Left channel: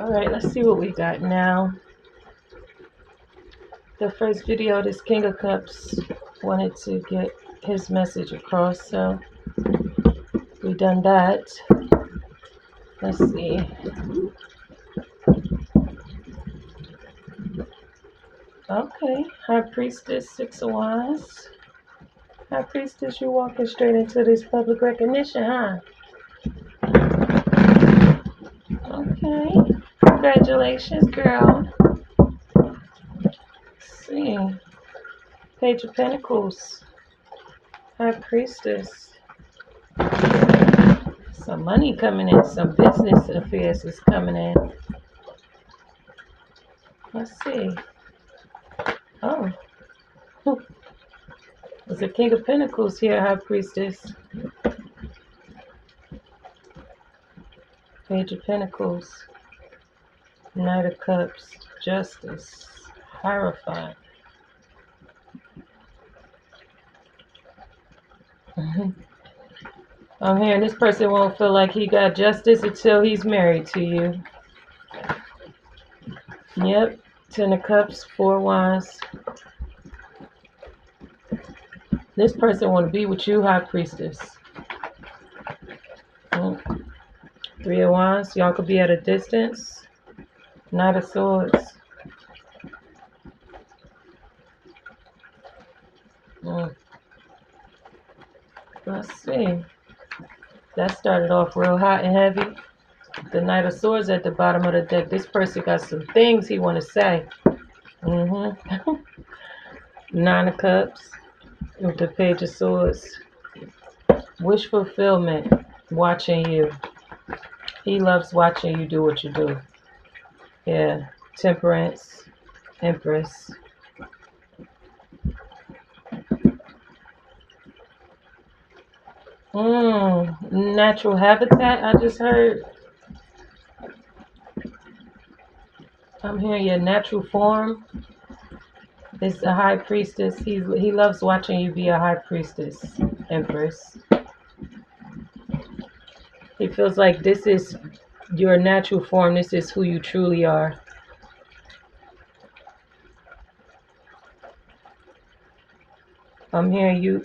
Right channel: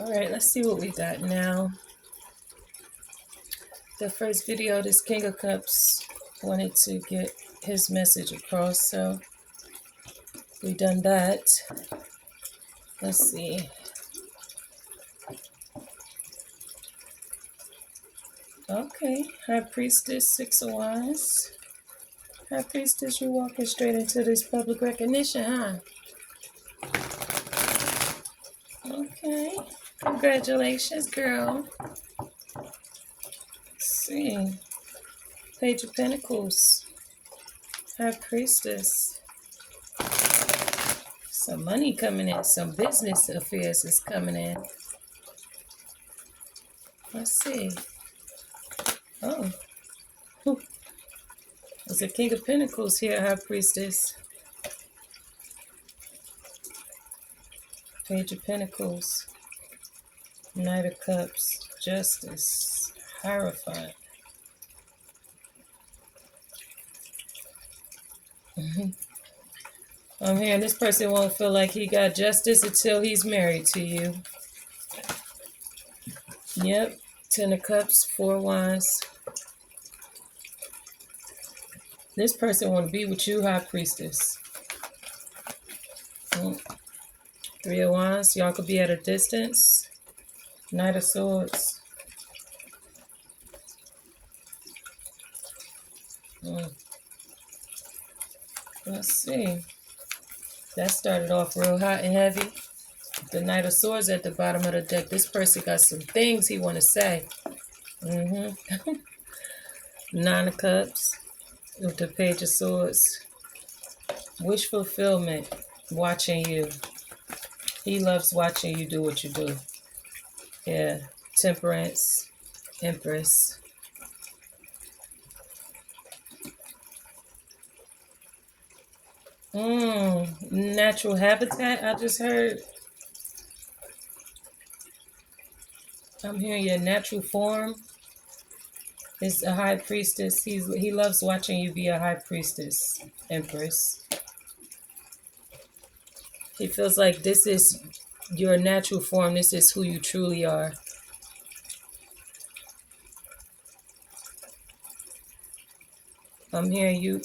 All right, let's see what we got now. The first video, this King of Cups wanted to get his message across, so we done that. Let's see. Okay, High Priestess, Six of Wands. High Priestess, you're walking straight into this public recognition, huh? Okay. Congratulations, girl. Let's see. Page of Pentacles. High Priestess. Some money coming in. Some business affairs is coming in. Let's see. Oh. There's a King of Pentacles here, High Priestess. Page of Pentacles. Knight of Cups. Justice. Hierophant. I'm hearing this person won't feel like he got justice until he's married to you. Yep. Ten of Cups, Four of Wands. This person want to be with you, High Priestess. Three of Wands. Y'all could be at a distance. Knight of Swords. Let's see. That started off real hot and heavy. The Knight of Swords at the bottom of the deck. This person got some things he want to say. Nine of Cups with the Page of Swords. Wish fulfillment. Watching you. He loves watching you do what you do. Yeah. Temperance. Empress. Natural habitat, I just heard. I'm hearing your natural form is a High Priestess. He loves watching you be a High Priestess, Empress. He feels like this is your natural form. This is who you truly are. I'm hearing you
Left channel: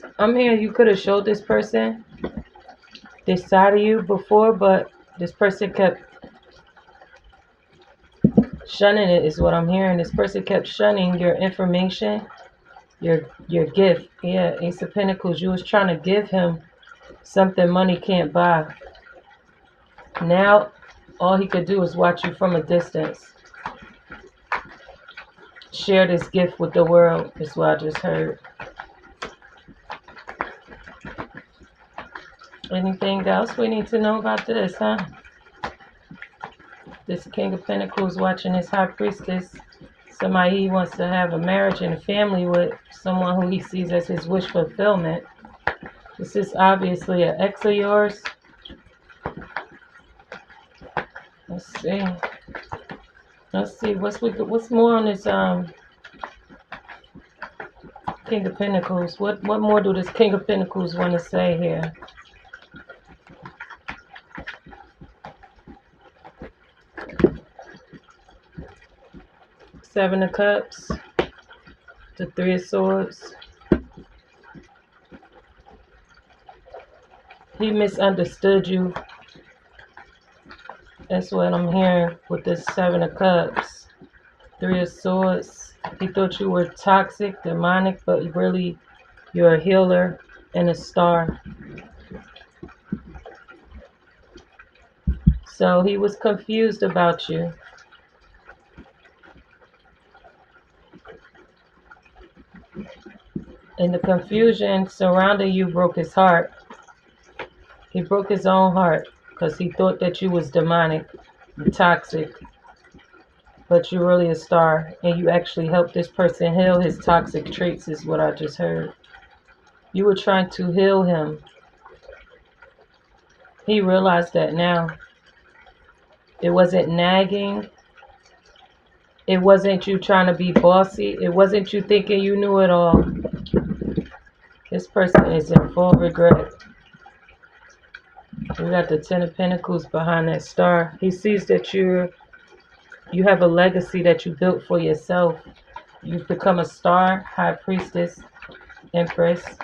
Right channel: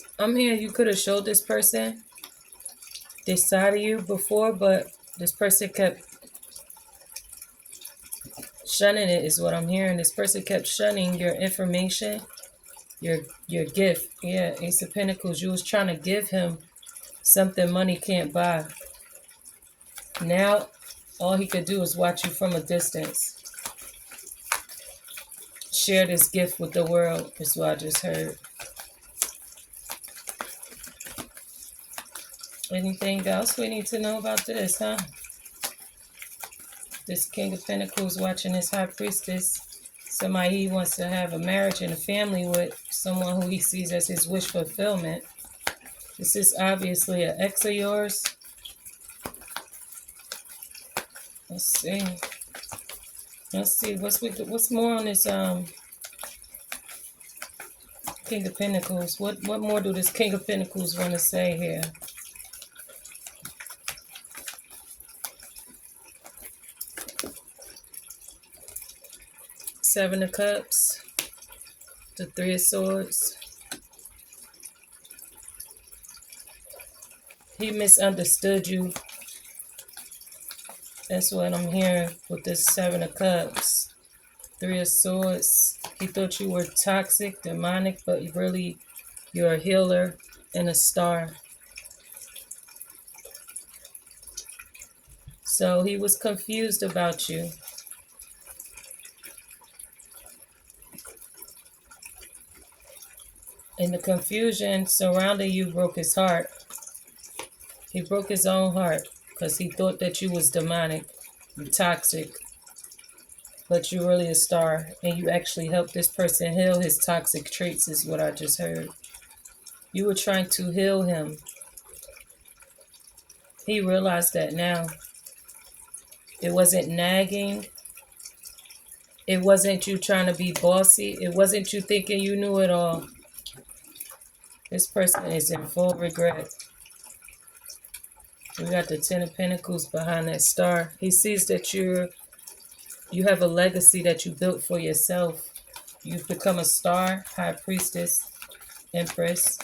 could have showed this person this side of you before, but this person kept shunning it, is what I'm hearing. This person kept shunning your information, your gift. Yeah, Ace of Pentacles. You was trying to give him something money can't buy. Now, all he could do is watch you from a distance. Share this gift with the world, is what I just heard. Anything else we need to know about this, huh? This King of Pentacles watching this High Priestess. Somebody he wants to have a marriage and a family with. Someone who he sees as his wish fulfillment. This is obviously an ex of yours. Let's see. Let's see. What's more on this King of Pentacles? What more do this King of Pentacles want to say here? Seven of Cups, the Three of Swords. He misunderstood you. That's what I'm hearing with this Seven of Cups, Three of Swords. He thought you were toxic, demonic, but really you're a healer and a star. So he was confused about you. And the confusion surrounding you broke his heart. He broke his own heart because he thought that you was demonic and toxic. But you're really a star. And you actually helped this person heal his toxic traits, is what I just heard. You were trying to heal him. He realized that now. It wasn't nagging. It wasn't you trying to be bossy. It wasn't you thinking you knew it all. This person is in full regret. We got the Ten of Pentacles behind that star. He sees that you're You have a legacy that you built for yourself. You've become a star, high priestess, empress.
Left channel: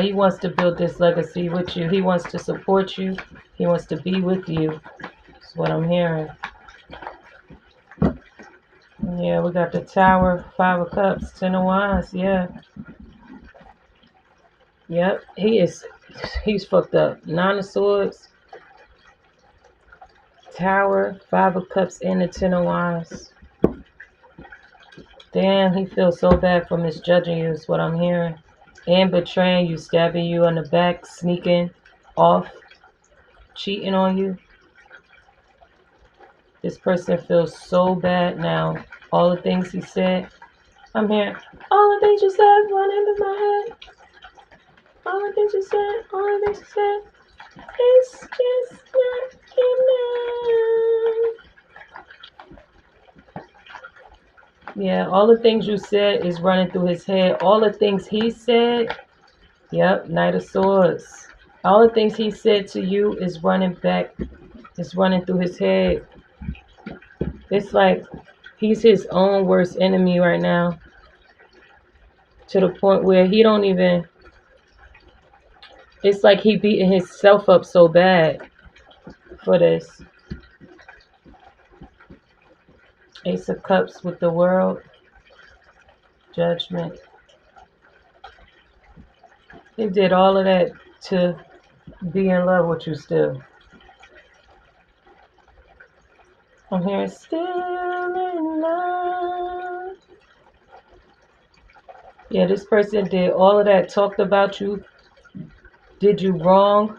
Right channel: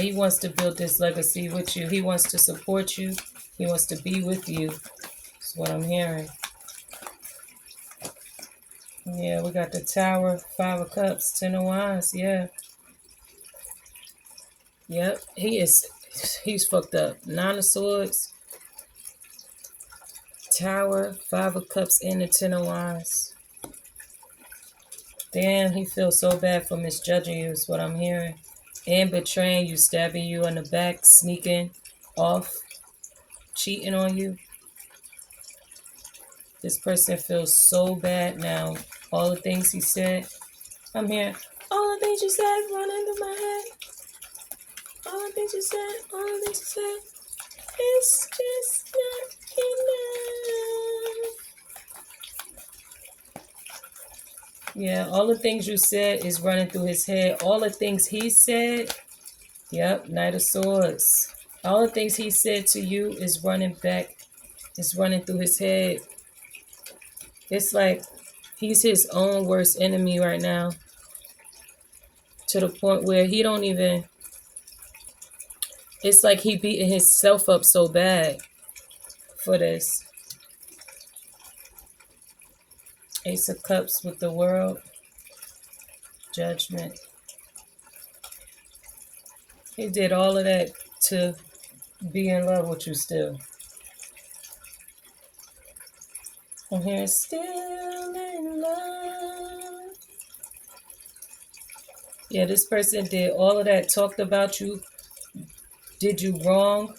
He wants to build this legacy with you. He wants to support you. He wants to be with you. That's what I'm hearing. Yeah, we got the Tower, 5 of Cups, 10 of Wands. Yeah. Yep. He's fucked up. 9 of Swords, Tower, 5 of Cups, and the 10 of Wands. Damn, he feels so bad for misjudging you is what I'm hearing. And betraying you, stabbing you in the back, sneaking off, cheating on you. This person feels so bad now. All the things he said. I'm hearing, all the things you said running through my head. All the things you said, all the things you said. It's just not enough. Yeah, all the things you said is running through his head. All the things he said, yep, Knight of Swords. All the things he said to you is running back, is running through his head. It's like he's his own worst enemy right now. To the point where he don't even, it's like he beating himself up so bad for this. Ace of Cups with the World. Judgment. He did all of that to be in love with you still. I'm hearing still in love. Yeah, this person did all of that, talked about you, did you wrong,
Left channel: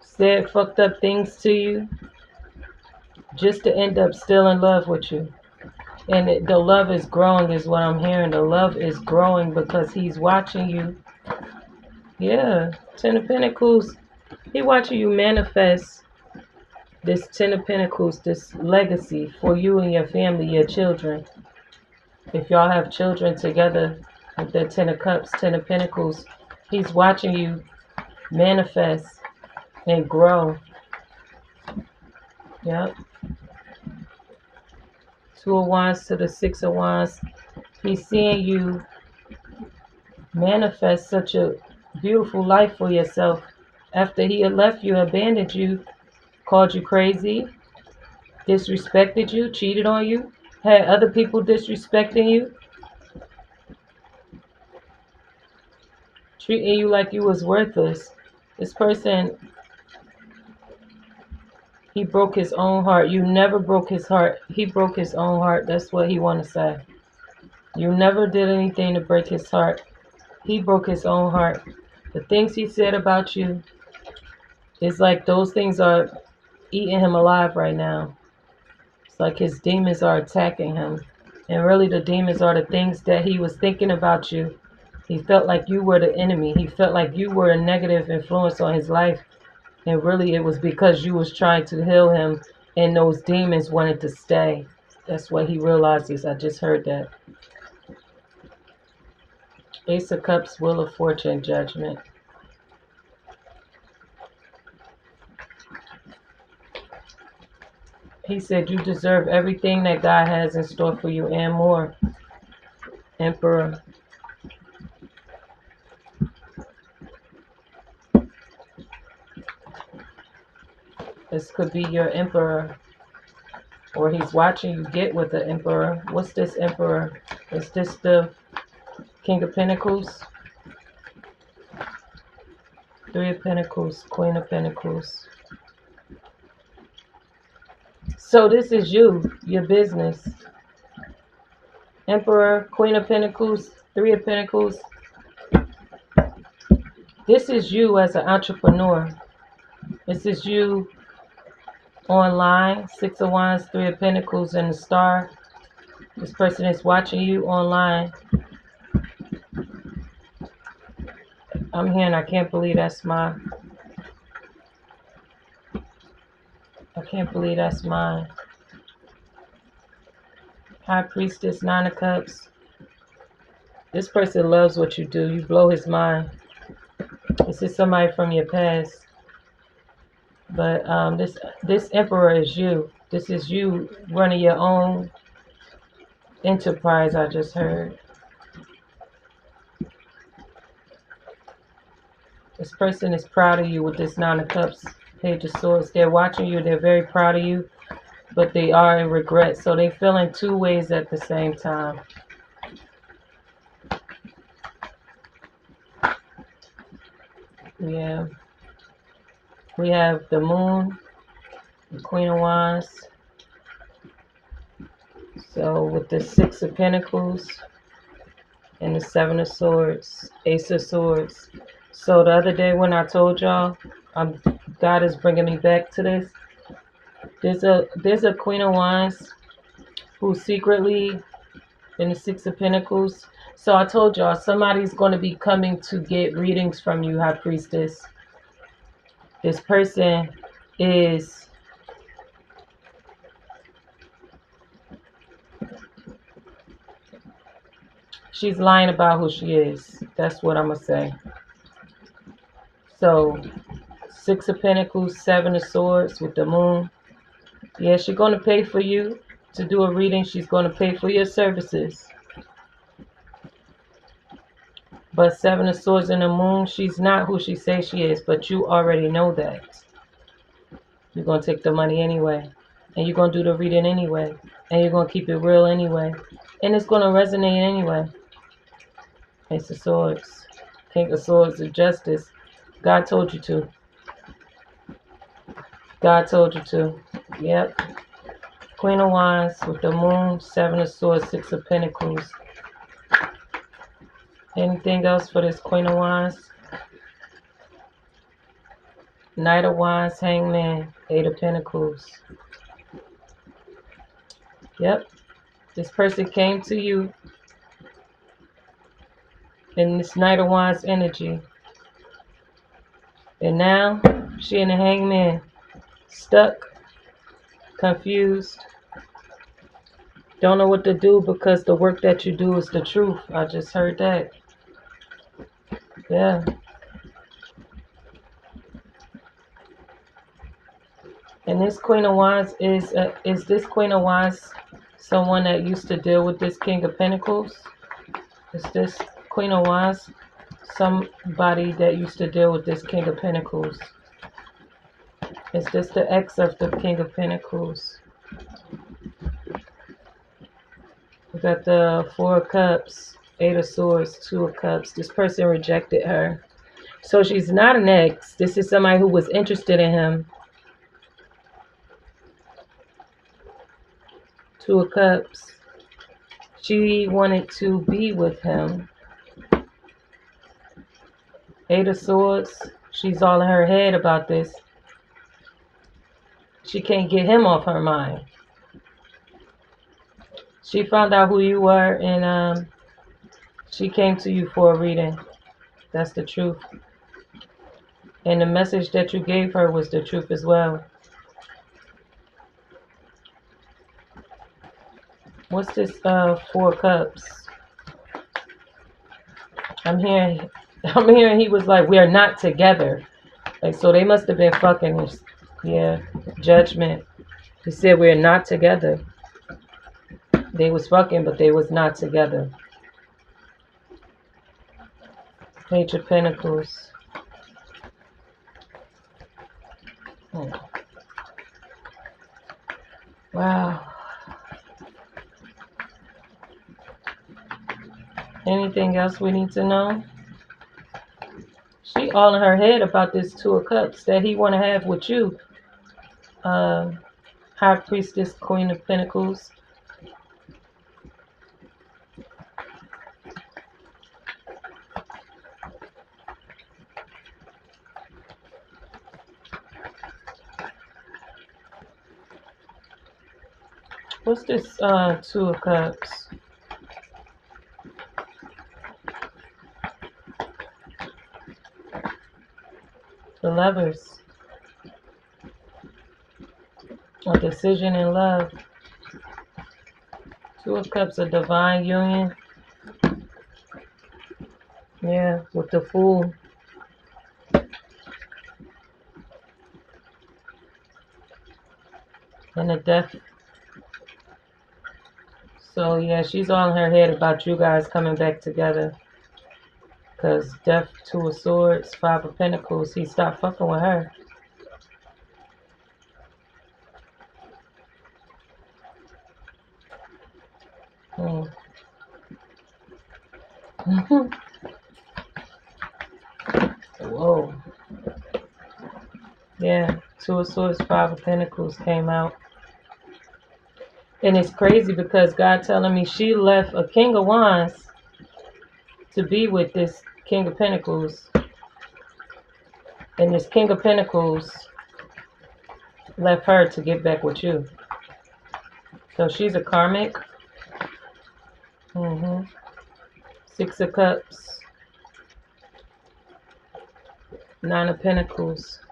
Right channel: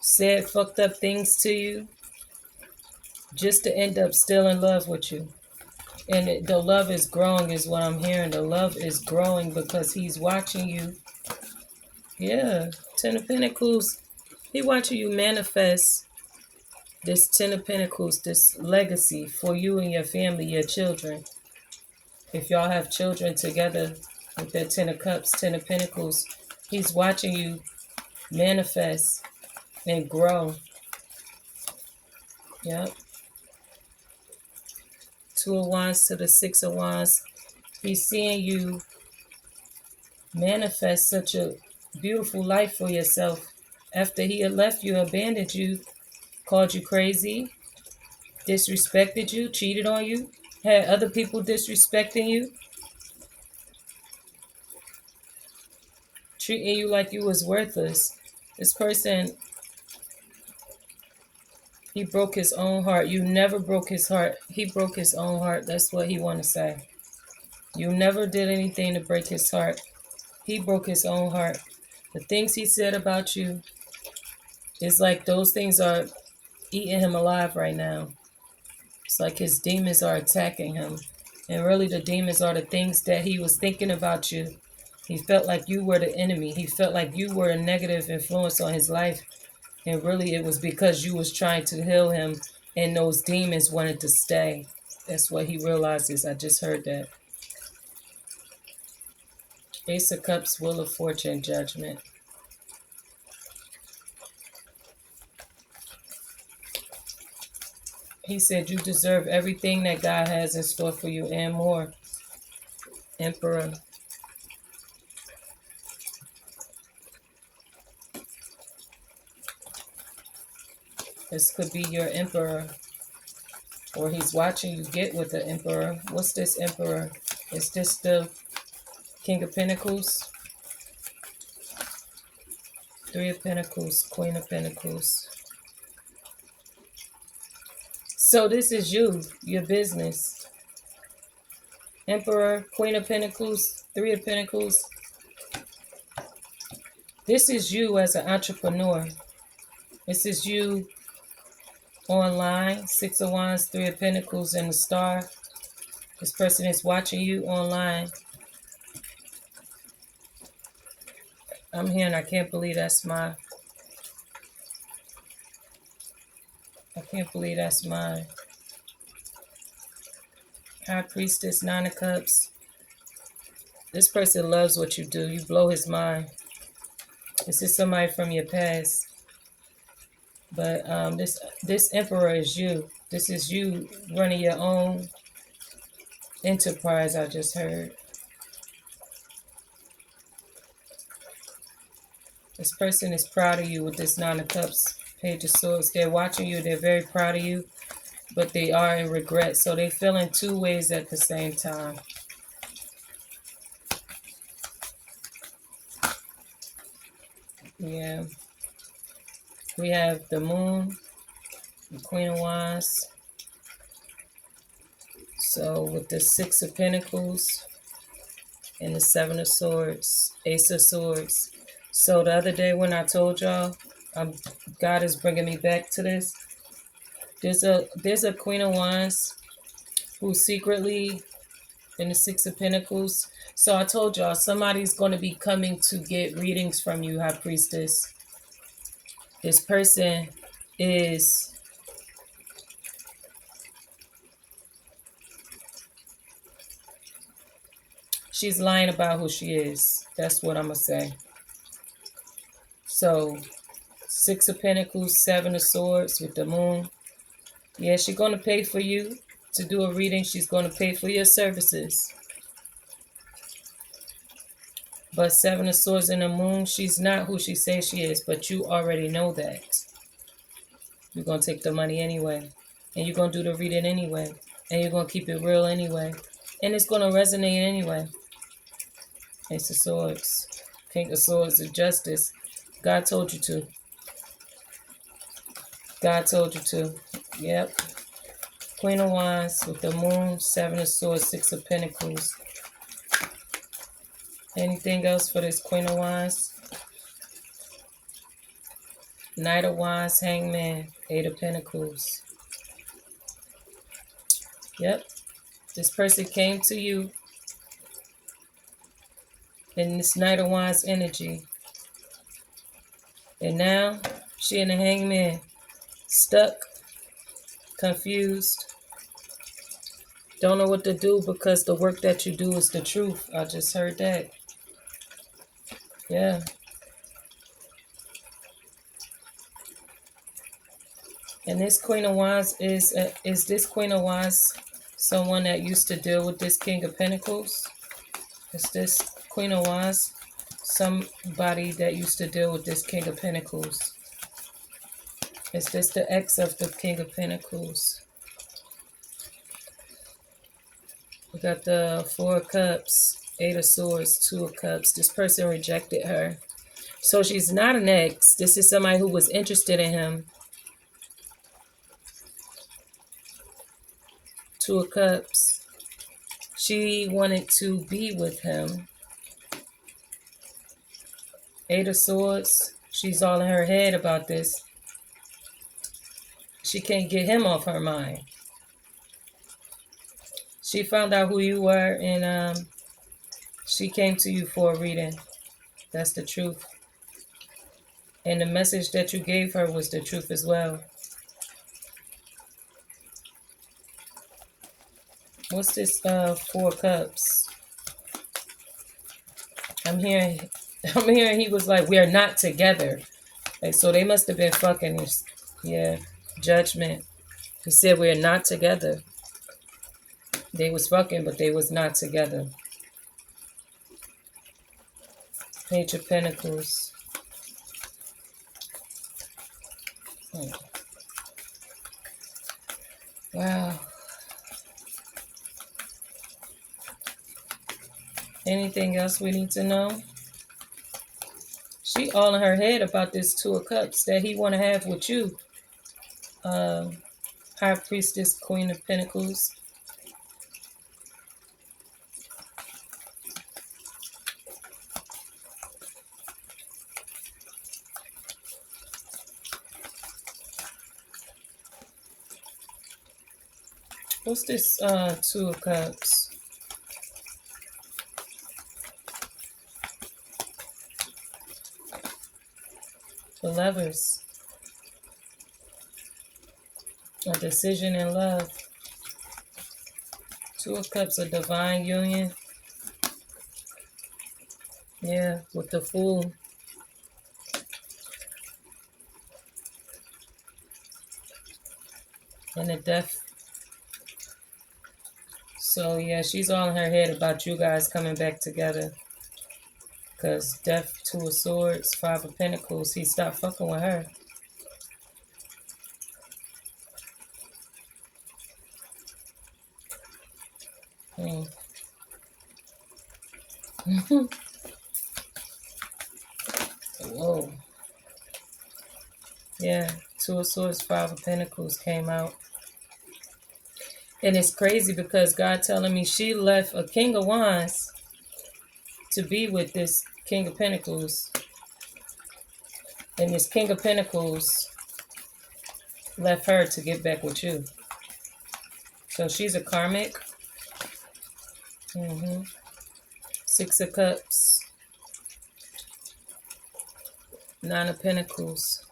said fucked up things to you, just to end up still in love with you. And the love is growing is what I'm hearing. The love is growing because he's watching you. Yeah, 10 of Pentacles. He watching you manifest this 10 of Pentacles, this legacy for you and your family, your children. If y'all have children together with the 10 of Cups, 10 of Pentacles, he's watching you manifest and grow. Yep. 2 of Wands to the 6 of Wands. He's seeing you manifest such a beautiful life for yourself. After he had left you, abandoned you, called you crazy, disrespected you, cheated on you, had other people disrespecting you, treating you like you was worthless. This person, he broke his own heart. You never broke his heart. He broke his own heart. That's what he want to say. You never did anything to break his heart. He broke his own heart. The things he said about you, it's like those things are eating him alive right now. It's like his demons are attacking him. And really the demons are the things that he was thinking about you. He felt like you were the enemy. He felt like you were a negative influence on his life. And really it was because you was trying to heal him and those demons wanted to stay. That's what he realizes. I just heard that. Ace of Cups, Wheel of Fortune, Judgment. He said you deserve everything that God has in store for you and more. Emperor. This could be your emperor. Or he's watching you get with the emperor. What's this emperor? Is this the King of Pentacles? 3 of Pentacles, Queen of Pentacles. So this is you, your business. Emperor, Queen of Pentacles, 3 of Pentacles. This is you as an entrepreneur. This is you online. 6 of Wands, 3 of Pentacles, and the Star. This person is watching you online. I'm hearing, I can't believe that's mine. I can't believe that's mine. High Priestess, 9 of Cups. This person loves what you do. You blow his mind. This is somebody from your past. But this Emperor is you. This is you running your own enterprise, I just heard. This person is proud of you with this Nine of Cups, Page of Swords. They're watching you. They're very proud of you, but they are in regret. So they feel in two ways at the same time. Yeah. We have the Moon, the Queen of Wands. So with the Six of Pentacles and the Seven of Swords, Ace of Swords. So the other day when I told y'all, God is bringing me back to this. There's a Queen of Wands who secretly in the Six of Pentacles. So I told y'all somebody's going to be coming to get readings from you, High Priestess. This person is she's lying about who she is. That's what I'm going to say. So, Six of Pentacles, Seven of Swords with the Moon. Yeah, she's going to pay for you to do a reading. She's going to pay for your services. But Seven of Swords and the Moon, she's not who she says she is, but you already know that. You're going to take the money anyway. And you're going to do the reading anyway. And you're going to keep it real anyway. And it's going to resonate anyway. Ace of Swords. King of Swords of Justice. God told you to. God told you to. Yep. Queen of Wands with the Moon, Seven of Swords, Six of Pentacles. Anything else for this Queen of Wands? Knight of Wands, Hangman, Eight of Pentacles. Yep. This person came to you in this Knight of Wands energy. And now she in the Hangman. Stuck. Confused. Don't know what to do because the work that you do is the truth. I just heard that. Yeah. And this Queen of Wands is this Queen of Wands someone that used to deal with this King of Pentacles? Is this Queen of Wands somebody that used to deal with this King of Pentacles? Is this the ex of the King of Pentacles? We got the Four of Cups, Eight of Swords, Two of Cups. This person rejected her. So she's not an ex. This is somebody who was interested in him. Two of Cups. She wanted to be with him. Eight of Swords. She's all in her head about this. She can't get him off her mind. She found out who you were and she came to you for a reading. That's the truth. And the message that you gave her was the truth as well. What's this Four Cups? I'm hearing he was like, we are not together. Like, so they must have been fucking. Yeah. Judgment. He said we're not together. They was fucking, but they was not together. Page of Pentacles. Oh. Wow. Anything else we need to know? She all in her head about this Two of Cups that he want to have with you. High Priestess, Queen of Pentacles. What's this Two of Cups? The Lovers. A decision in love. Two of Cups, a divine union. Yeah, with the Fool. And the death. So yeah, she's all in her head about you guys coming back together. Because death, 2 of swords, 5 of pentacles. He stopped fucking with her. Whoa. Yeah, 2 of swords, 5 of pentacles came out. And it's crazy because God telling me she left a king of wands to be with this king of pentacles. And this king of pentacles left her to get back with you. So she's a karmic. 6 of cups. 9 of pentacles.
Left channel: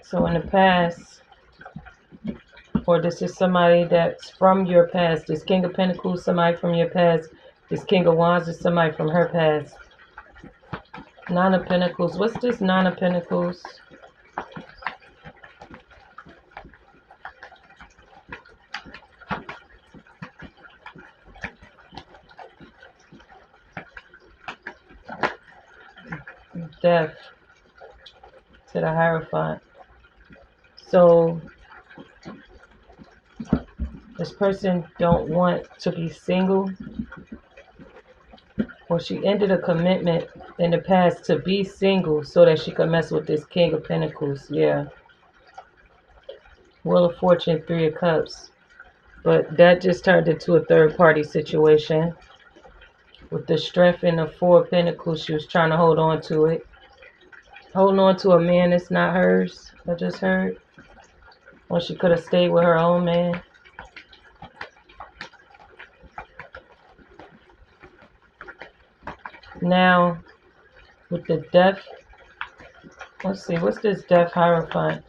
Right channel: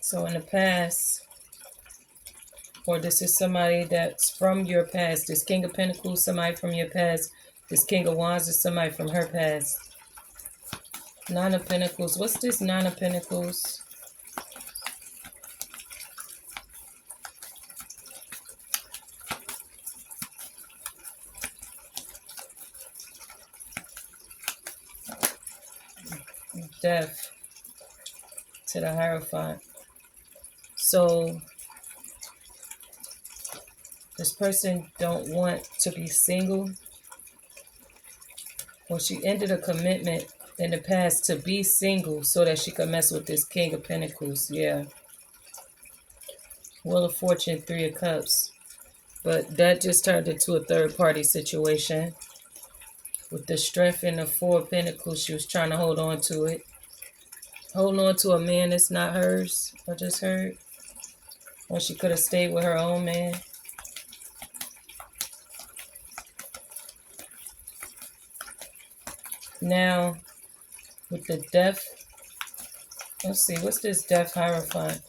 So in the past, or this is somebody that's from your past. This king of pentacles, somebody from your past. This king of wands is somebody from her past. 9 of pentacles. What's this 9 of pentacles? Death to the Hierophant. So this person don't want to be single, or she ended a commitment in the past to be single so that she could mess with this king of pentacles. Yeah. Wheel of Fortune, 3 of cups. But that just turned into a third party situation. With the strength in the 4 of pentacles, she was trying to hold on to it. Holding on to a man that's not hers, I just heard. Or she could have stayed with her own man. Now, with the death, let's see, what's this death Hierophant?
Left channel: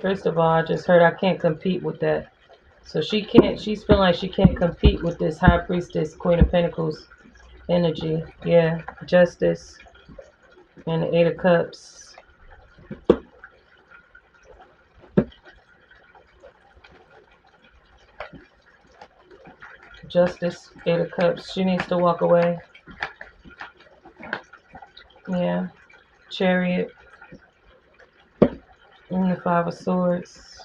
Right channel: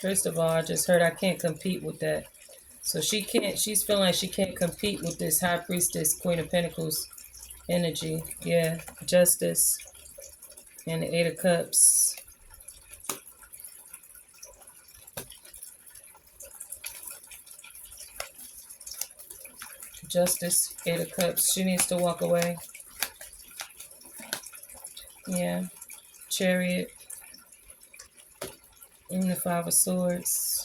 First of all, I just heard I can't compete with that. So she can't, she's feeling like she can't compete with this High Priestess, Queen of Pentacles energy. Yeah, Justice and the 8 of Cups. Justice, 8 of Cups. She needs to walk away. Yeah. Chariot. And the 5 of Swords.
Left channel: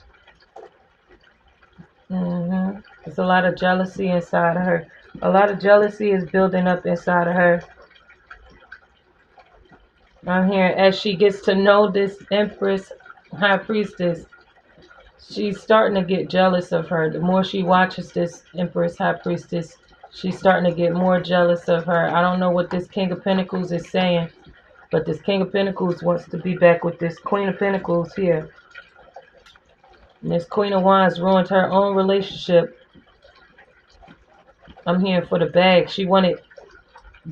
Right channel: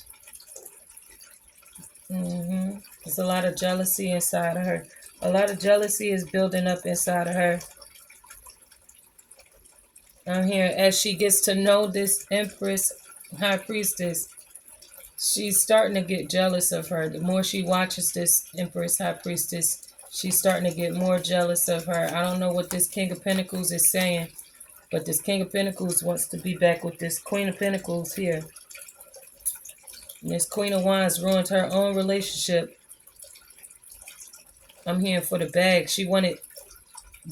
There's a lot of jealousy inside of her. A lot of jealousy is building up inside of her. I'm here as she gets to know this Empress, High Priestess. She's starting to get jealous of her. The more she watches this Empress, High Priestess, she's starting to get more jealous of her. I don't know what this King of Pentacles is saying, but this King of Pentacles wants to be back with this Queen of Pentacles here. And this Queen of Wands ruined her own relationship. I'm here for the bag. She wanted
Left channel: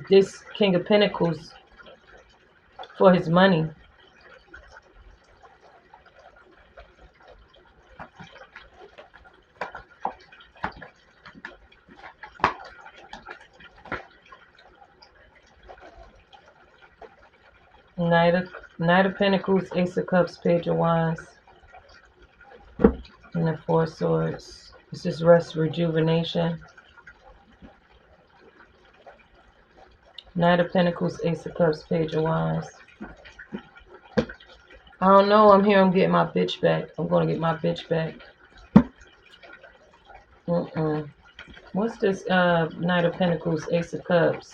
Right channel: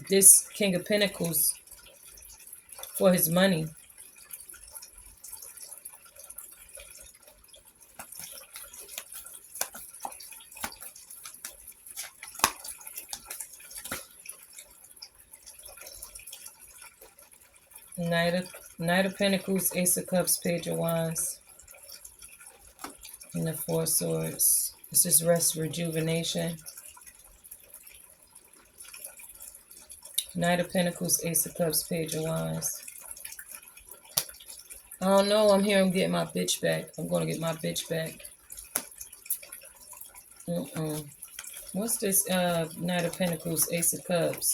this King of Pentacles for his money. Knight of Pentacles, Ace of Cups, Page of Wands, and the 4 of Swords. This is rest, rejuvenation. Knight of Pentacles, Ace of Cups, Page of Wands. I don't know. I'm here. I'm getting my bitch back. I'm going to get my bitch back. What's this Knight of Pentacles, Ace of Cups?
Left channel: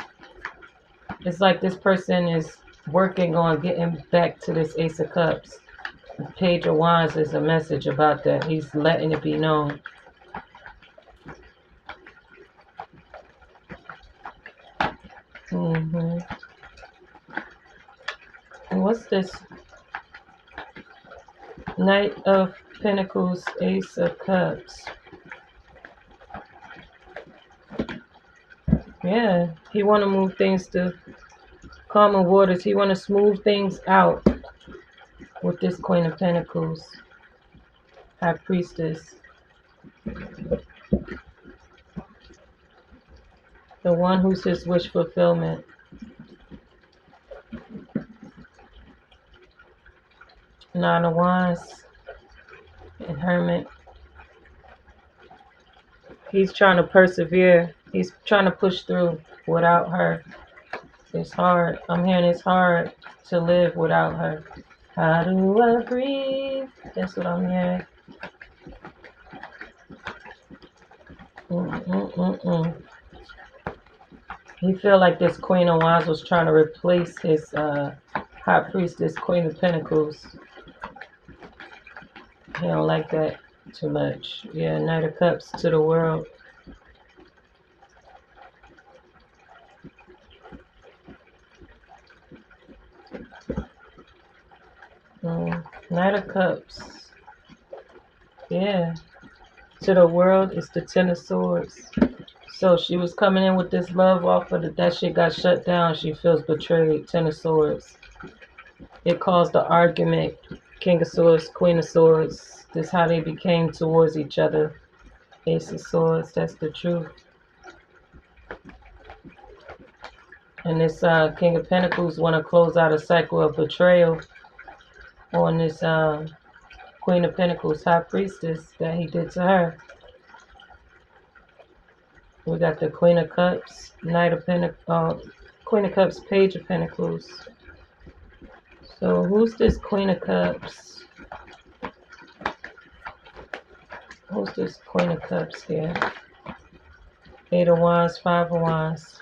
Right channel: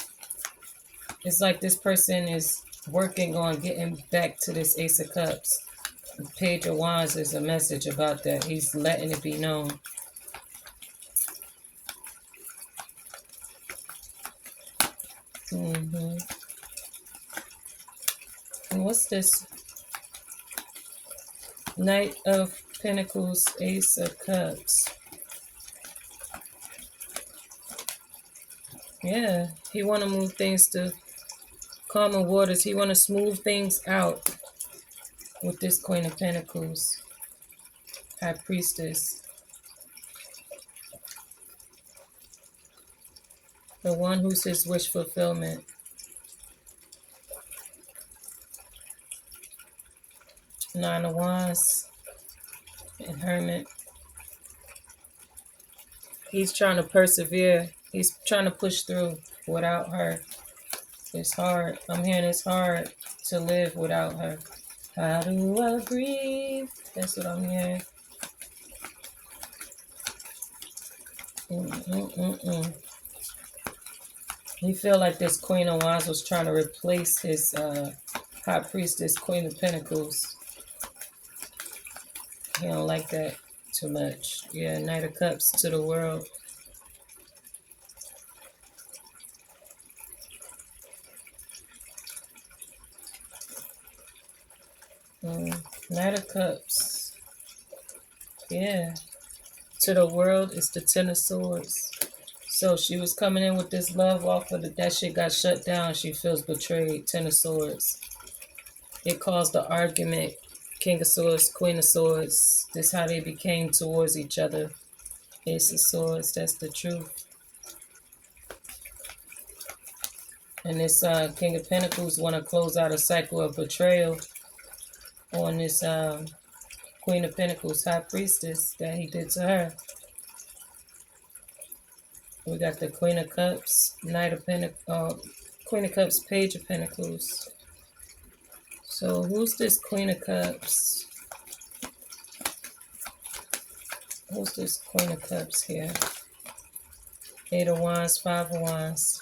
It's like this person is working on getting back to this Ace of Cups. Page of Wands is a message about that. He's letting it be known. And what's this? Knight of Pentacles, Ace of Cups. Yeah, he want to move things to calmer waters. He want to smooth things out with this Queen of Pentacles, High Priestess. The one who's his wish fulfillment. Nine of Wands and Hermit. He's trying to persevere. He's trying to push through without her. It's hard. I'm hearing it's hard to live without her. How do I breathe? That's what I'm hearing. He feel like this Queen of Wands was trying to replace his High Priestess, Queen of Pentacles. He don't like that too much. Yeah, Knight of Cups to the world. Knight of Cups. Yeah. To the world is the Ten of Swords. So she was coming in with this love offer, that shit got shut down. She feels betrayed. Ten of Swords. It caused the argument. King of Swords, Queen of Swords. This is how they became towards each other. Ace of Swords. That's the truth. And this King of Pentacles want to close out a cycle of betrayal on this Queen of Pentacles, High Priestess, that he did to her. We got the Queen of Cups, Knight of Pentacles, Queen of Cups, Page of Pentacles. So who's this Queen of Cups? Who's this Queen of Cups here? Eight of Wands, Five of Wands.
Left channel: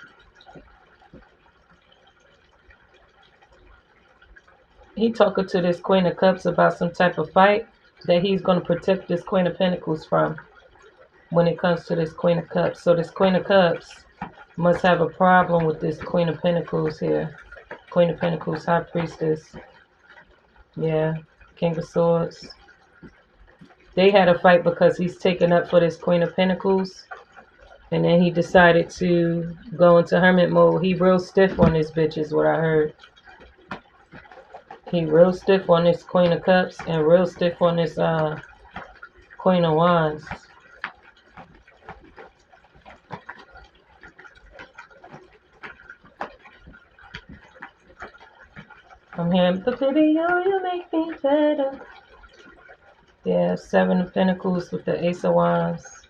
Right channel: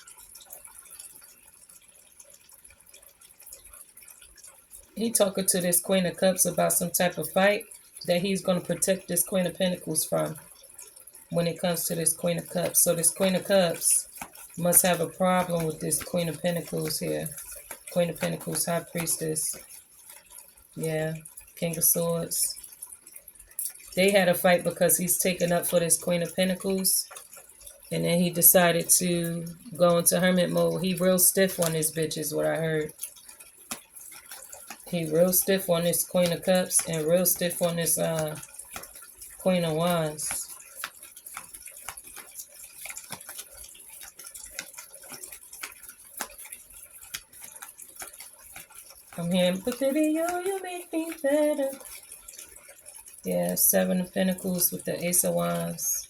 He talking to this Queen of Cups about some type of fight that he's going to protect this Queen of Pentacles from when it comes to this Queen of Cups. So this Queen of Cups must have a problem with this Queen of Pentacles here. Queen of Pentacles, High Priestess. Yeah, King of Swords. They had a fight because he's taken up for this Queen of Pentacles. And then he decided to go into hermit mode. He real stiff on this bitch is what I heard. He real stiff on this Queen of Cups and real stiff on this Queen of Wands. I'm hearing the video, you make me better. Yeah, Seven of Pentacles with the Ace of Wands.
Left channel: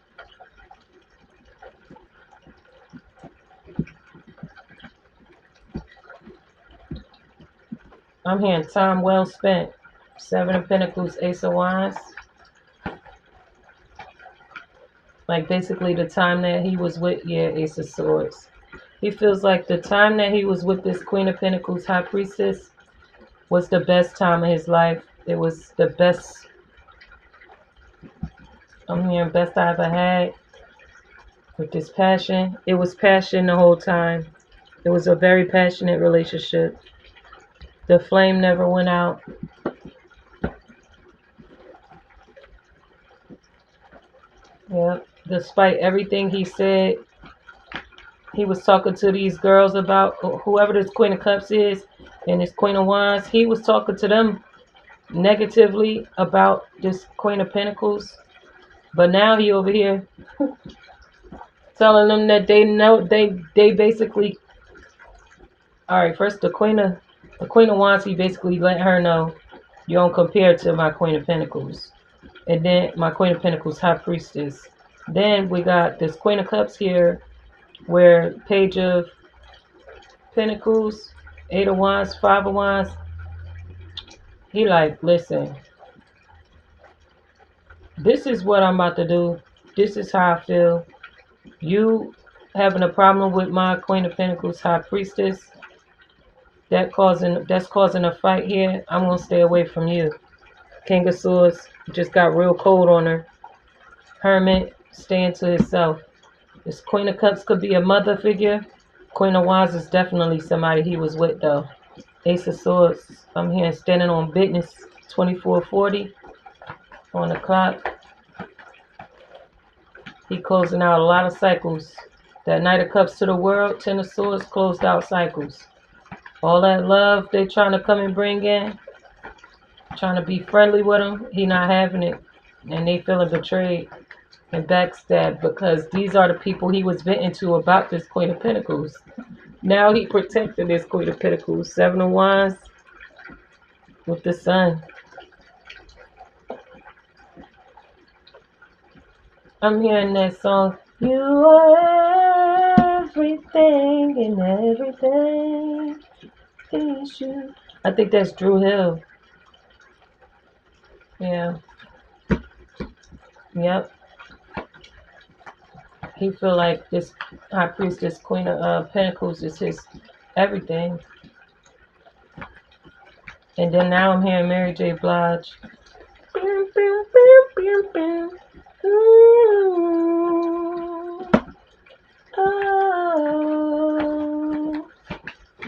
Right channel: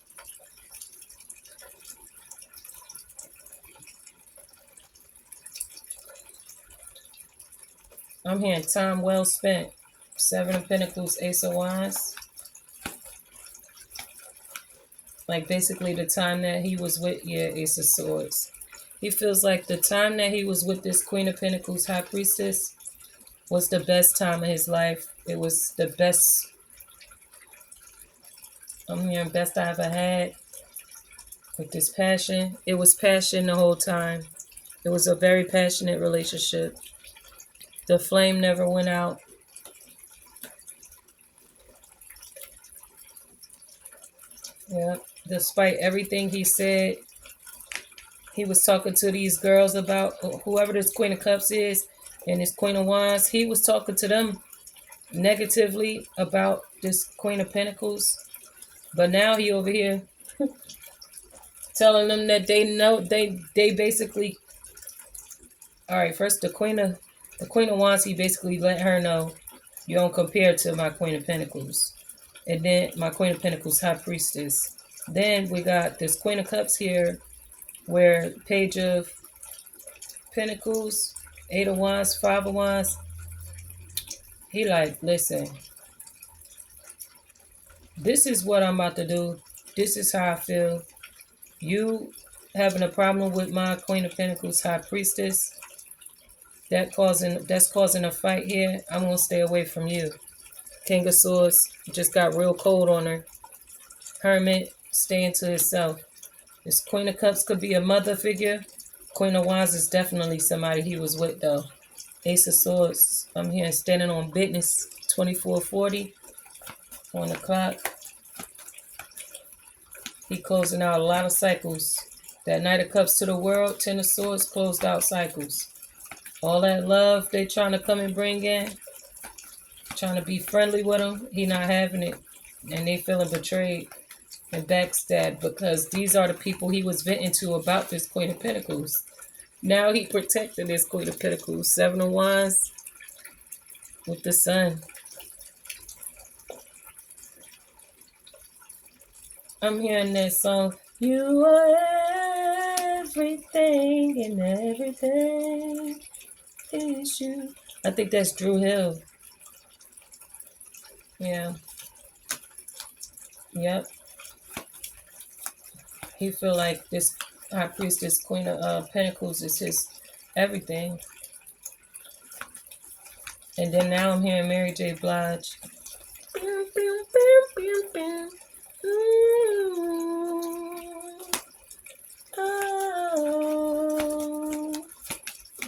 I'm hearing time well spent. Seven of Pentacles, Ace of Wands. Like basically the time that he was with, yeah, Ace of Swords. He feels like the time that he was with this Queen of Pentacles, High Priestess, was the best time of his life. It was the best, I'm hearing best I ever had with this passion. It was passion the whole time. It was a very passionate relationship. The flame never went out. Yeah, despite everything he said, he was talking to these girls about whoever this Queen of Cups is and this Queen of Wands. He was talking to them negatively about this Queen of Pentacles. But now he over here telling them that they know they basically, all right, first the Queen of Wands, he basically let her know you don't compare to my Queen of Pentacles. And then my Queen of Pentacles, High Priestess. Then we got this Queen of Cups here, where Page of Pentacles, Eight of Wands, Five of Wands. He like, listen, this is what I'm about to do. This is how I feel. You having a problem with my Queen of Pentacles, High Priestess, that's causing a fight here. I'm gonna stay away from you. King of Swords just got real cold on her. Hermit, staying to himself. This Queen of Cups could be a mother figure. Queen of Wands is definitely somebody he was with though. Ace of Swords, I'm here standing on business. 2440 on the clock. He closing out a lot of cycles. That Knight of Cups to the world, Ten of Swords closed out cycles. All that love they trying to come and bring in, trying to be friendly with him, he not having it. And they feeling betrayed. and backstab, because these are the people he was venting to about this Queen of Pentacles. Now he protected this Queen of Pentacles. 7 of Wands with the Sun. I'm hearing that song. You are everything and everything is you. I think that's Drew Hill. Yeah. Yep. He feel like this High Priestess, Queen of Pentacles is his everything. And then now I'm hearing Mary J. Blige. Oh.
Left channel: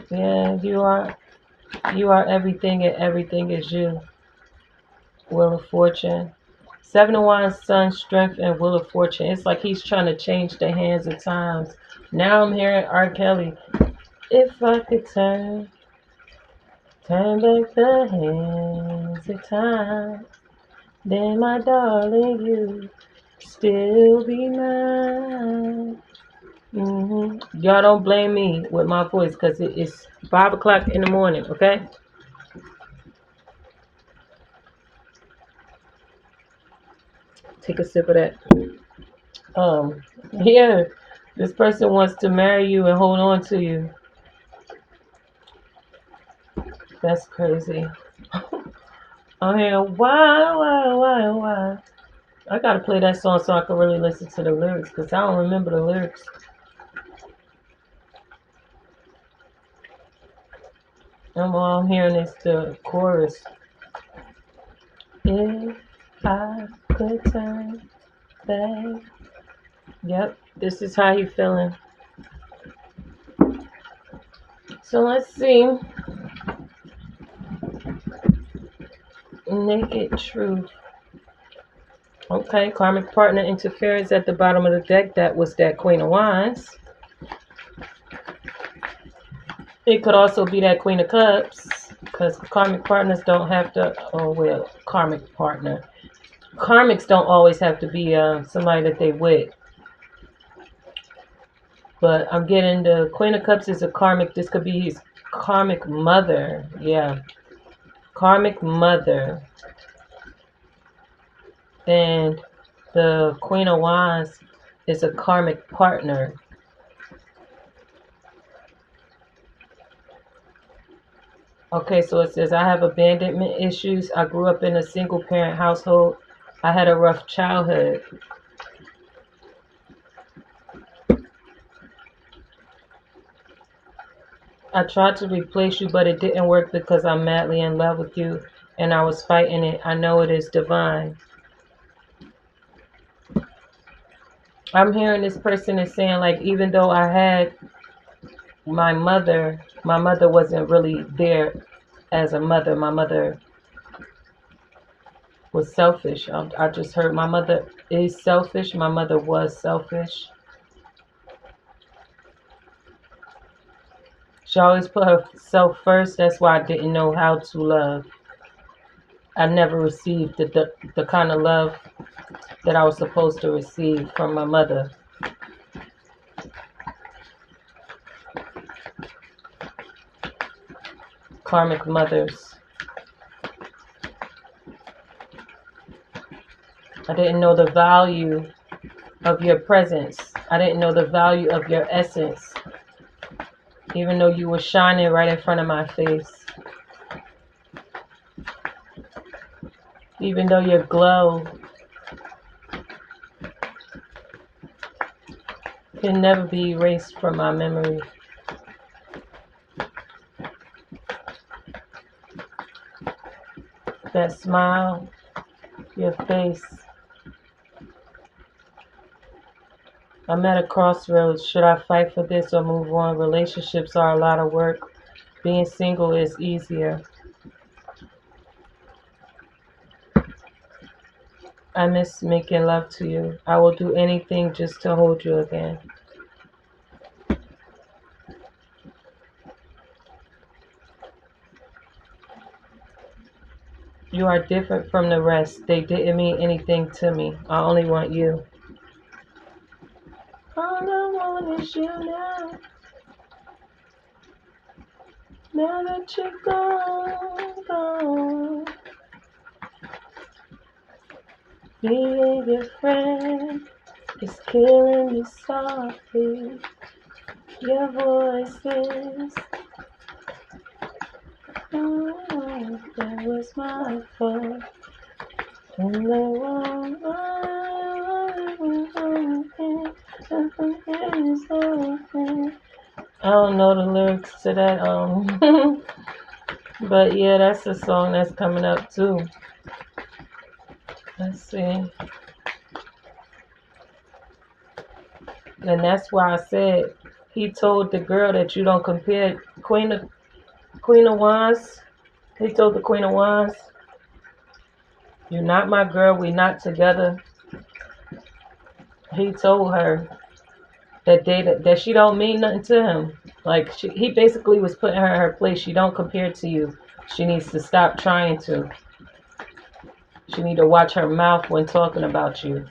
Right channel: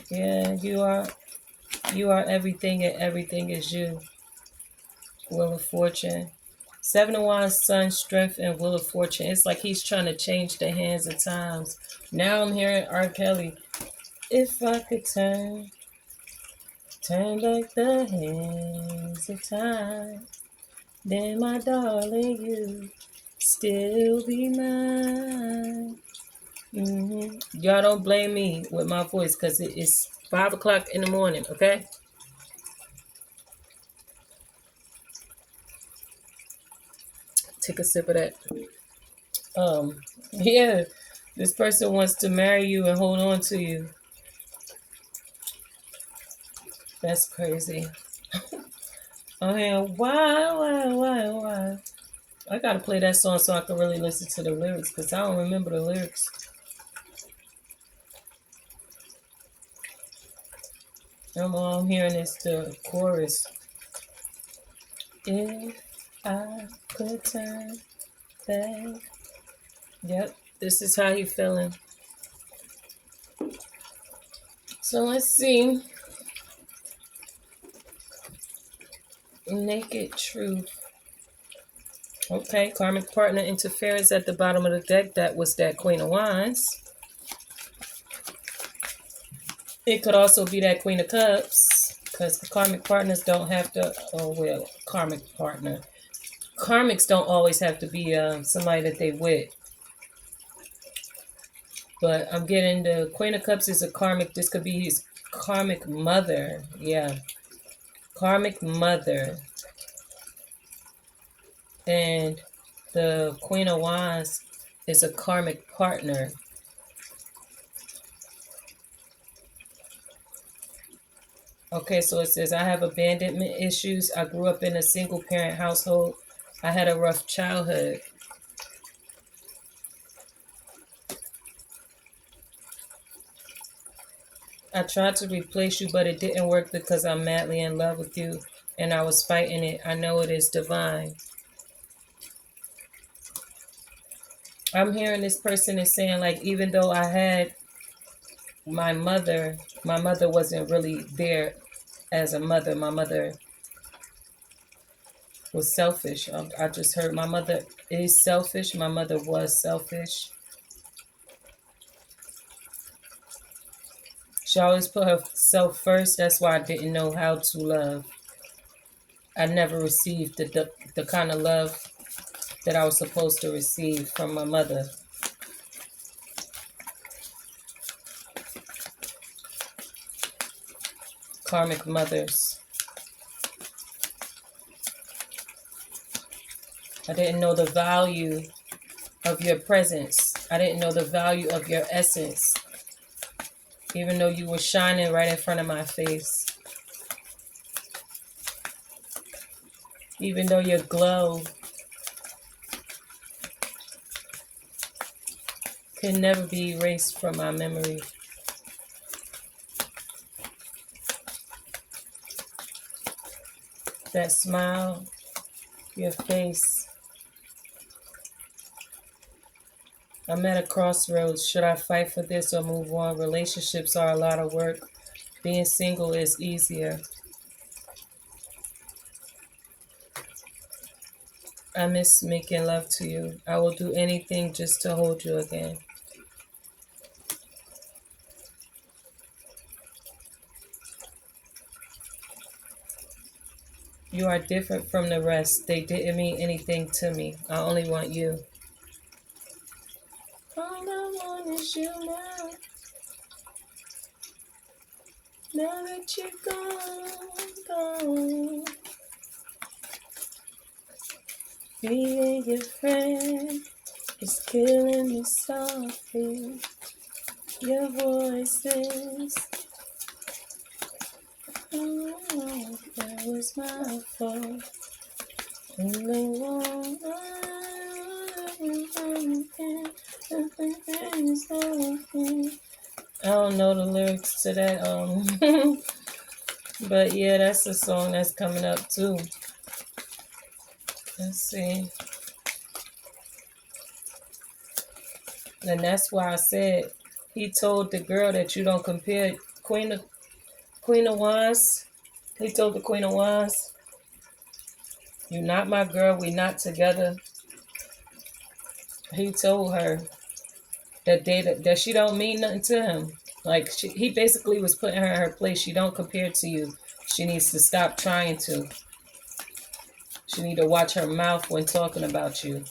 Yeah, you are everything and everything is you. Wheel of Fortune. 7 of Wands, Sun, Strength, and Wheel of Fortune. It's like he's trying to change the hands of times. Now I'm hearing R. Kelly. If I could turn back the hands of time, then my darling, you still be mine. Y'all don't blame me with my voice, because it's 5 o'clock in the morning, okay? Take a sip of that. Yeah, this person wants to marry you and hold on to you. That's crazy. I'm hearing why. I gotta play that song so I can really listen to the lyrics, because I don't remember the lyrics. And while I'm hearing is the chorus. If I could turn back. Yep, this is how he feeling. So let's see. Naked Truth. Okay, karmic partner interference at the bottom of the deck. That was that Queen of Wands. It could also be that Queen of Cups, because karmic partners don't have to, oh well, karmic partner. Karmics don't always have to be somebody that they with. But I'm getting the Queen of Cups is a karmic. This could be his karmic mother. Yeah. Karmic mother. And the Queen of Wands is a karmic partner. Okay, so it says, I have abandonment issues. I grew up in a single parent household. I had a rough childhood. I tried to replace you, but it didn't work because I'm madly in love with you and I was fighting it. I know it is divine. I'm hearing this person is saying, like, even though I had my mother wasn't really there as a mother. My mother was selfish. I just heard my mother is selfish. My mother was selfish. She always put herself first. That's why I didn't know how to love. I never received the kind of love that I was supposed to receive from my mother. Karmic mothers. I didn't know the value of your presence. I didn't know the value of your essence. Even though you were shining right in front of my face. Even though your glow can never be erased from my memory. That smile, your face. I'm at a crossroads. Should I fight for this or move on? Relationships are a lot of work. Being single is easier. I miss making love to you. I will do anything just to hold you again. You are different from the rest. They didn't mean anything to me. I only want you. All I want is you now. Now that you're gone. Being your friend is killing me softly. Your voices. Oh, that was my fault. And I don't know the lyrics to that, but yeah, that's the song that's coming up too. Let's see. And that's why I said he told the girl that you don't compare Queen of Wands. He told the Queen of Wands, "You're not my girl. We're not together." He told her that she don't mean nothing to him. Like he basically was putting her in her place. She don't compare to you. She needs to stop trying to. She need to watch her mouth when talking about you.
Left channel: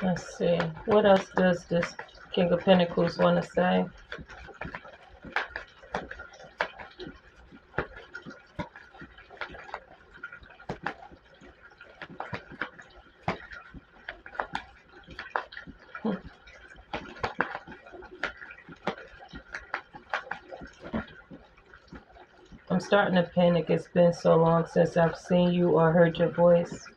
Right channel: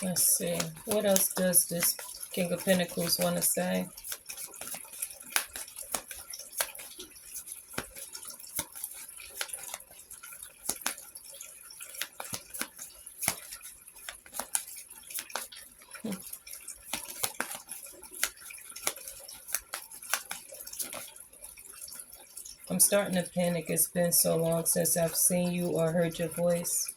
Let's see. What else does this King of Pentacles want to say? I'm starting to panic. It's been so long since I've seen you or heard your voice.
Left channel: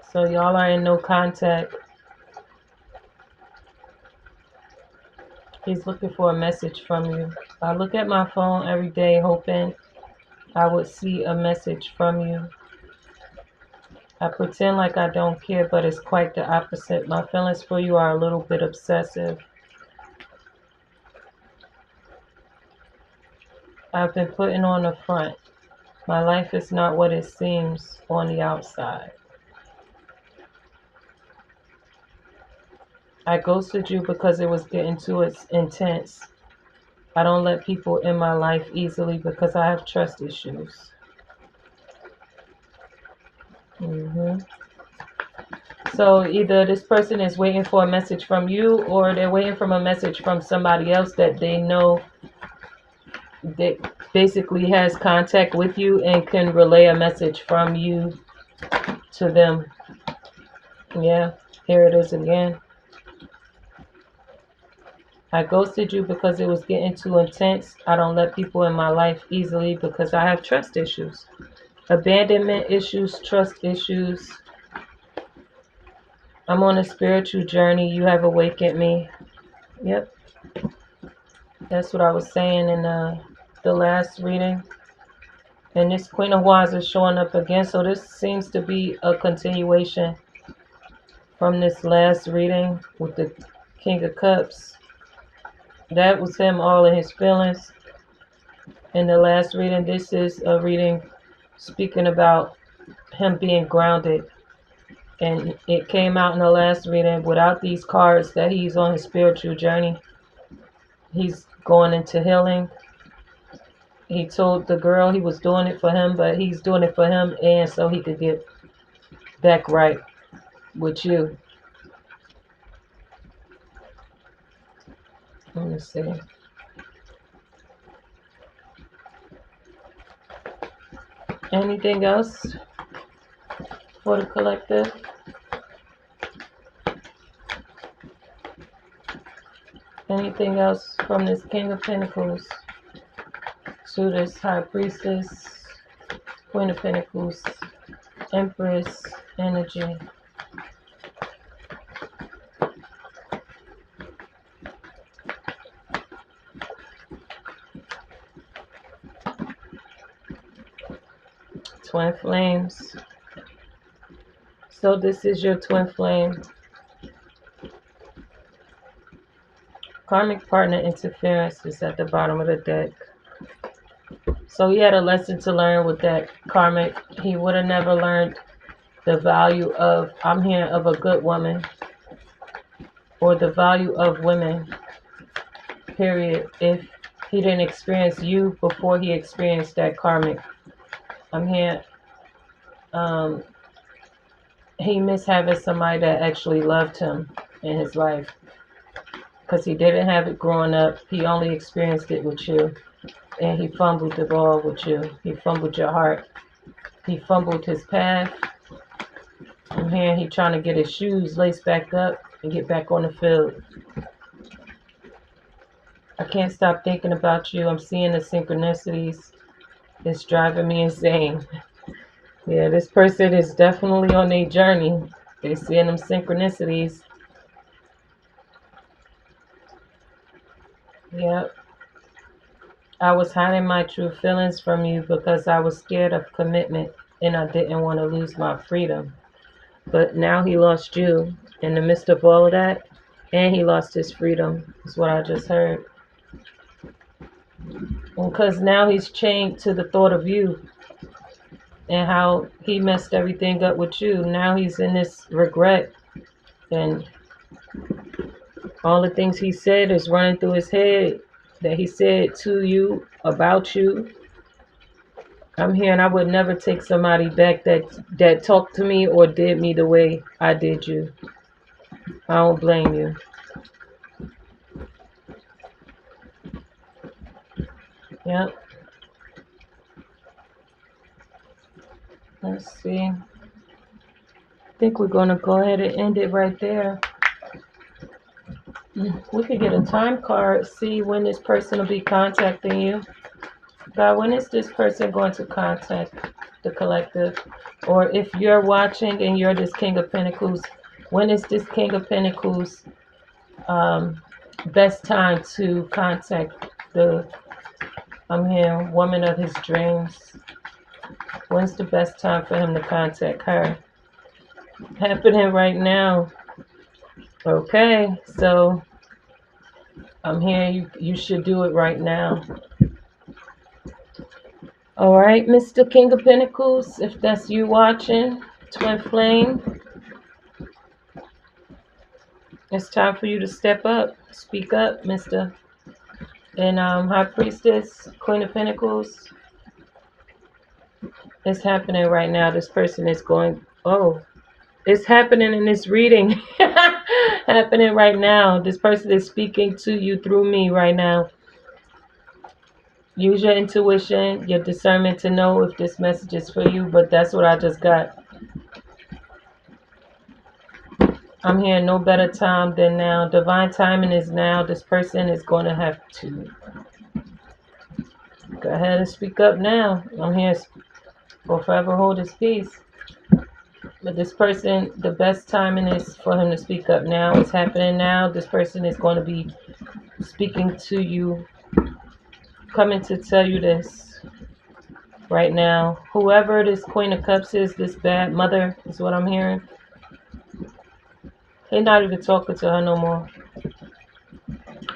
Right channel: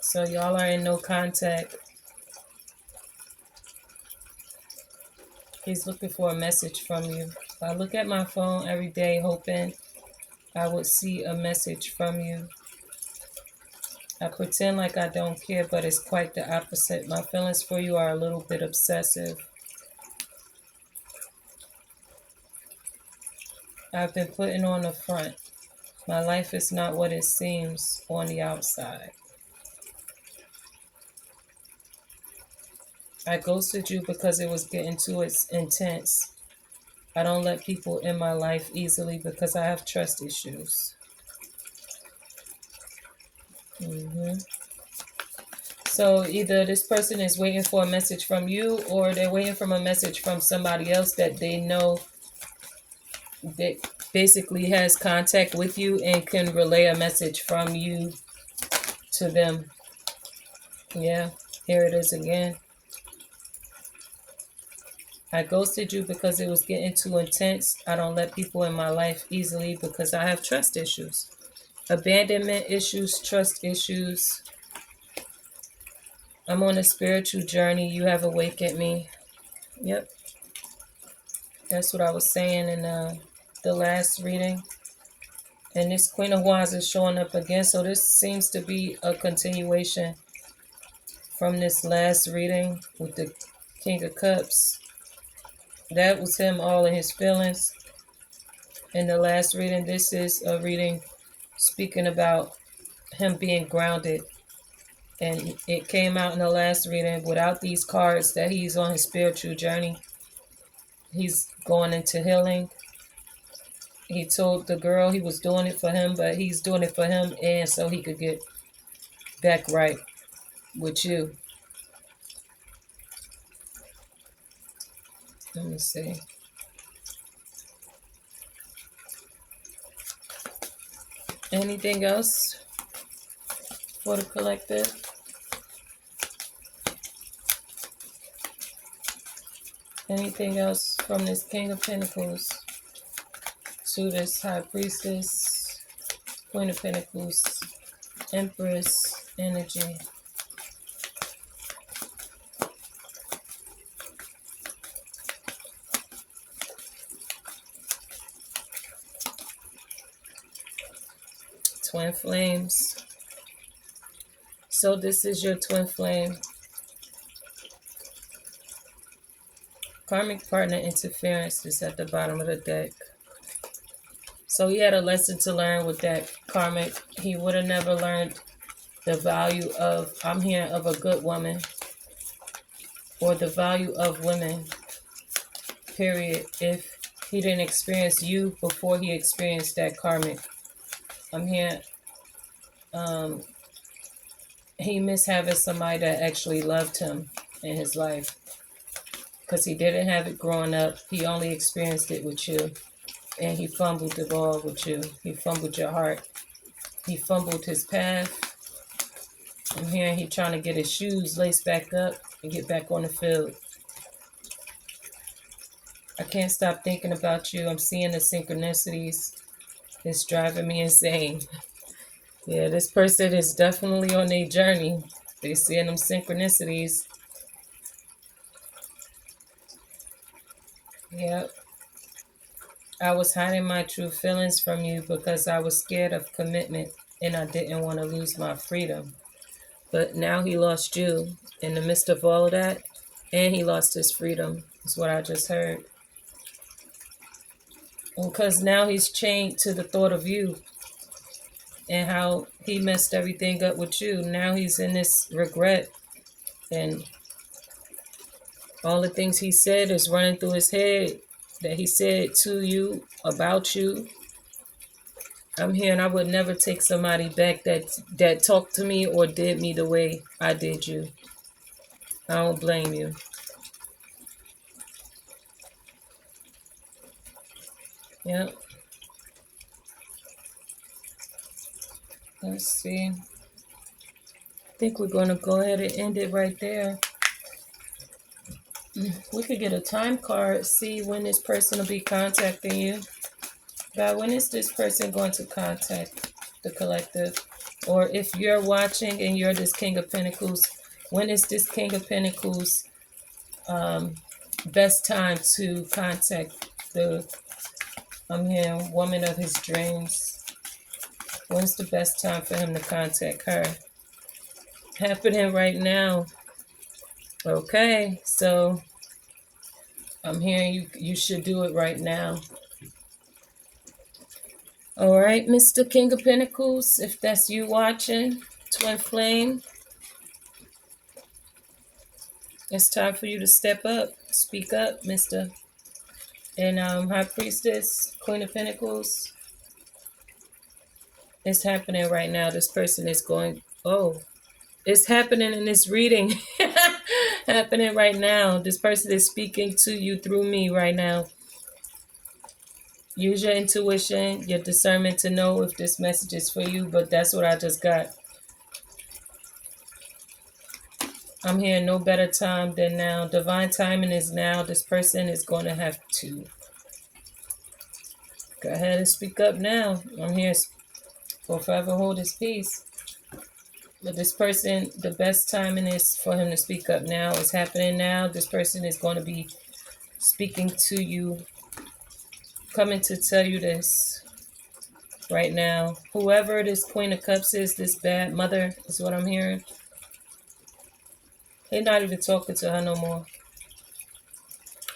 So y'all are in no contact. He's looking for a message from you. I look at my phone every day hoping I would see a message from you. I pretend like I don't care, but it's quite the opposite. My feelings for you are a little bit obsessive. I've been putting on the front. My life is not what it seems on the outside. I ghosted you because it was getting too intense. I don't let people in my life easily because I have trust issues. So either this person is waiting for a message from you or they're waiting for a message from somebody else that they know that basically has contact with you and can relay a message from you to them. Yeah, here it is again. I ghosted you because it was getting too intense. I don't let people in my life easily because I have trust issues. Abandonment issues, trust issues. I'm on a spiritual journey. You have awakened me. Yep. That's what I was saying in the last reading. And this Queen of Wands is showing up again. So this seems to be a continuation from this last reading with the King of Cups. That was him all in his feelings. In the last reading, this is a reading speaking about him being grounded. And it came out in the last reading without these cards that he's on his spiritual journey. He's going into healing. He told the girl he was doing it for him, but he's doing it for him and so he could get back right with you. Let me see. Anything else for the collective? Anything else from this King of Pentacles to this High Priestess, Queen of Pentacles, Empress energy? Twin flames. So this is your twin flame. Karmic partner interference is at the bottom of the deck. So he had a lesson to learn with that karmic. He would have never learned the value of, I'm hearing, of a good woman. or the value of women, period, if he didn't experience you before he experienced that karmic. I'm here. Um, he missed having somebody that actually loved him in his life because he didn't have it growing up. He only experienced it with you, and he fumbled the ball with you. He fumbled your heart. He fumbled his path. I'm hearing he trying to get his shoes laced back up and get back on the field. I can't stop thinking about you. I'm seeing the synchronicities. It's driving me insane. Yeah, this person is definitely on their journey. They seeing them synchronicities. Yep. I was hiding my true feelings from you because I was scared of commitment and I didn't want to lose my freedom. But now he lost you in the midst of all of that, and he lost his freedom, is what I just heard. Because now he's chained to the thought of you and how he messed everything up with you. Now he's in this regret, and all the things he said is running through his head that he said to you, about you. I'm here, and I would never take somebody back that talked to me or did me the way I did you. I don't blame you. Yep. Let's see. I think we're going to go ahead and end it right there. We could get a time card, see when this person will be contacting you. God, when is this person going to contact the collective? Or if you're watching and you're this King of Pentacles, when is this King of Pentacles best time to contact the woman of his dreams? When's the best time for him to contact her? Happening right now. Okay, so I'm hearing you should do it right now. All right, Mr. King of Pentacles, if that's you watching, Twin Flame, it's time for you to step up, speak up, Mr. And High Priestess, Queen of Pentacles, it's happening right now. This person is going, oh, it's happening in this reading. Happening right now. This person is speaking to you through me right now. Use your intuition, your discernment to know if this message is for you, but that's what I just got. I'm hearing no better time than now. Divine timing is now. This person is going to have to go ahead and speak up now. I'm here or forever hold his peace. But this person, the best timing is for him to speak up now. It's happening now. This person is going to be speaking to you, coming to tell you this right now. Whoever this Queen of Cups is, this bad mother is what I'm hearing. He's not even talking to her no more.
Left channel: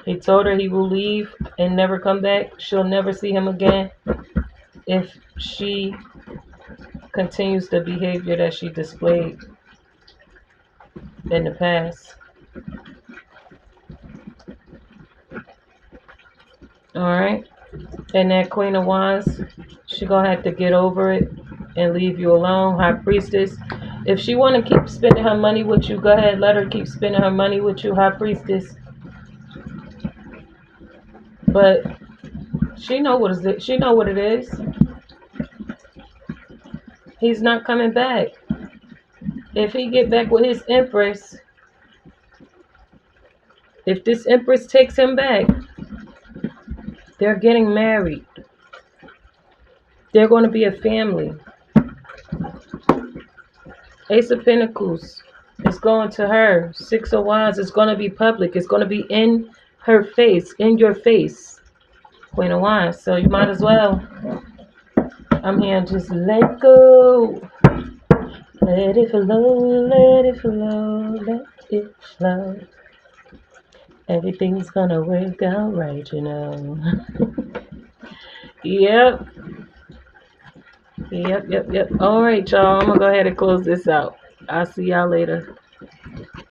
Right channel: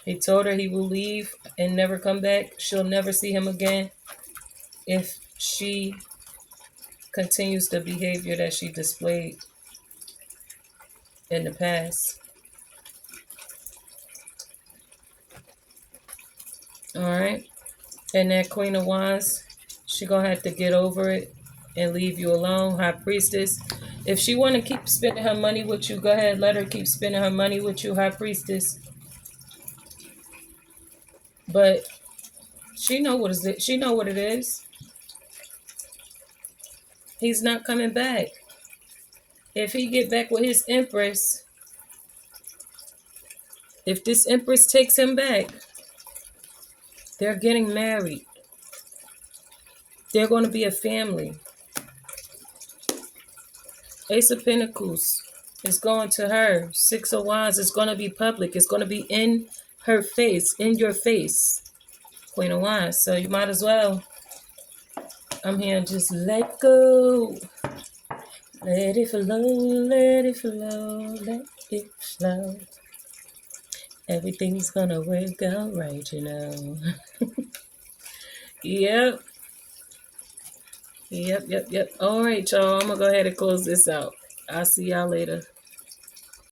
He told her he will leave and never come back. She'll never see him again if she continues the behavior that she displayed in the past. All right. And that Queen of Wands, she gonna have to get over it and leave you alone. High Priestess, if she want to keep spending her money with you, go ahead, let her keep spending her money with you, High Priestess. But she know what is it. She know what it is. He's not coming back. If he get back with his Empress, if this Empress takes him back, they're getting married. They're going to be a family. Ace of Pentacles is going to her. Six of Wands is going to be public. It's going to be in her face, in your face. Queen of Wands. So you might as well. I'm here. Just let go. Let it flow. Let it flow. Let it flow. Everything's going to work out right, you know. Yep. Yep. All right, y'all. I'm going to go ahead and close this out. I'll see y'all later.